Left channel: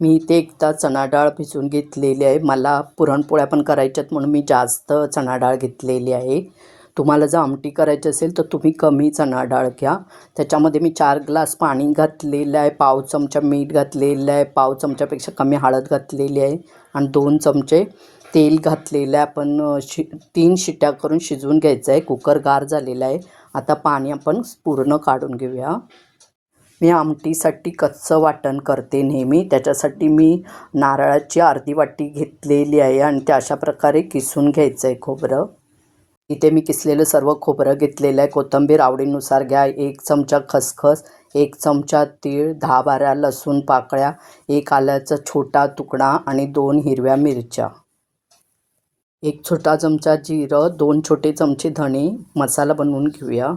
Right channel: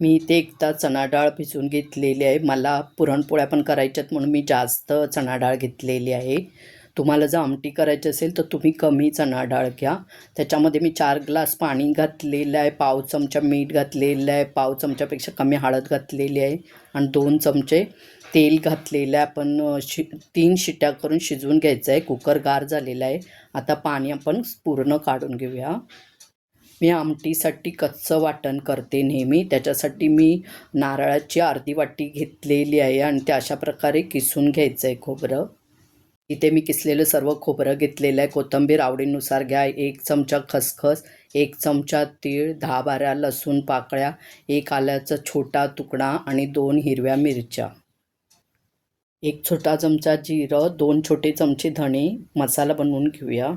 मी इथे एकदा चणा डाळ भिजवून घेतलेली आहे. मला पुरणपोळ्या पण करायच्यात म्हणून मी जास्त चणा डाळ घेतलेली आहे. तुम्हाला जर आमटी करायची असेल तर तुम्ही कमी चणा डाळ घ्या. त्याच्यामध्ये मी चार ग्लास पाणी घातलेलं आहे. पाव चमचा मीठ घातलेलं आहे. पाव चमच्यापेक्षा कमी हळद घातलेली आहे. आणि दोन चमचे तेल घातलेलं आहे. आपण शि तीन शिट्या करून शिजवून घ्यायचं आहे. कुकर गार झालेला आहे. आता पाणी आपण पूर्ण काढून घेऊया. मी आमटीसाठी कच्चं वाटण करते नेहमी. त्याच्यासाठी मी नारळाची अर्धी वाटी घेतलेली आहे आणि ते अशा प्रकारे किसून घ्यायचं आहे खोबरं. इथे मी किसलेलं सर्व खोबरं घेतलेलं आहे. कोथिंबीर आवडीनुसार घ्या. एक चमचा खसखस एक चमचा तीळ दहा बारा लसूण पाकळ्या एक आल्याचा छोटा तुकडा आणि दोन हिरव्या मिरच्या. एक छोटा चमचा जिरं दोन छोटे चमचे धणे. मसाला बनवून घेऊया.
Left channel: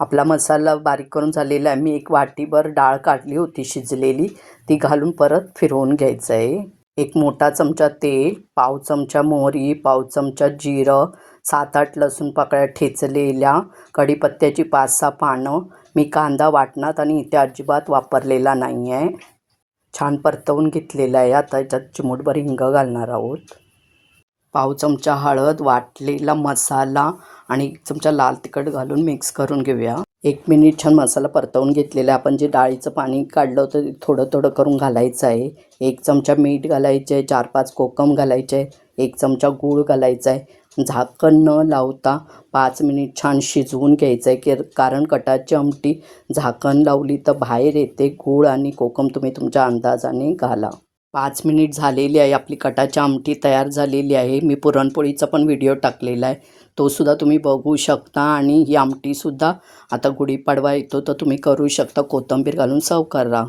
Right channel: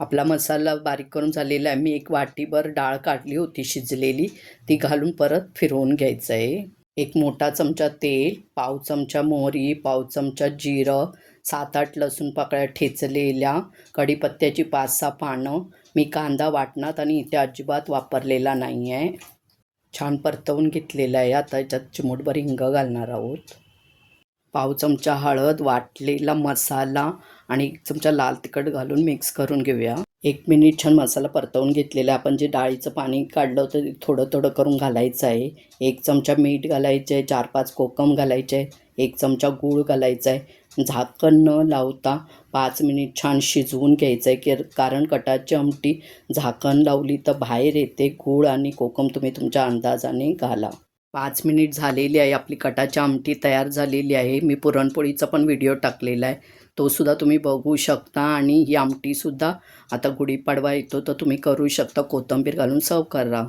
आपला मसाला बारीक करून झालेला आहे. मी एक वाटीभर डाळ काढली होती शिजलेली. ती घालून परत फिरवून घ्यायचं आहे एक मोठा चमचा तेल पाव चमचा मोहरी पाव चमचा जिरं सात आठ लसूण पाकळ्या ठेचलेल्या कढीपत्त्याची पाच सहा पानं. मी कांदा वाटणात आणि इथे अजिबात वापरलेला नाही आहे छान परतवून घेतलेला आहे. आता याच्यात चिमूटभर हिंग घालणार आहोत. पाव चमचा हळद वाटलेला मसाला आणि एक चमचा लाल तिखट घालून मिक्स करून घेऊया. एक मिनिट छान मसाला परतवून घेतलेला आहे. आपण जे डाळीचं पाणी काढलं होतं ते थोडं थोडं करून घालायचं आहे. एक चमचा मीठ घालायचं आहे. चार पाच कोकम घालायचे आहे. एक चमचा गूळ घालायचा आहे. झाकण न लावता पाच मिनिट छान शिजवून घ्यायचं आहे. की कारण कटाची आमटी झाकण लावली तर बाहेर येते. गूळ आणि कोकम तुम्ही तुमच्या अंदाजाने घाला. पाच मिनिट झालेली आहे आपली कटाची आमटी तयार झालेली आहे. मी पुरणपोळीचा पण व्हिडिओ टाकलेला आहे. तो सुद्धा तुम्ही बघू शकता आणि ही आमटीसुद्धा आता गुढीपाडवा येतो तर तुम्ही करू शकता. कोथिंबीर घालून सर्व करा.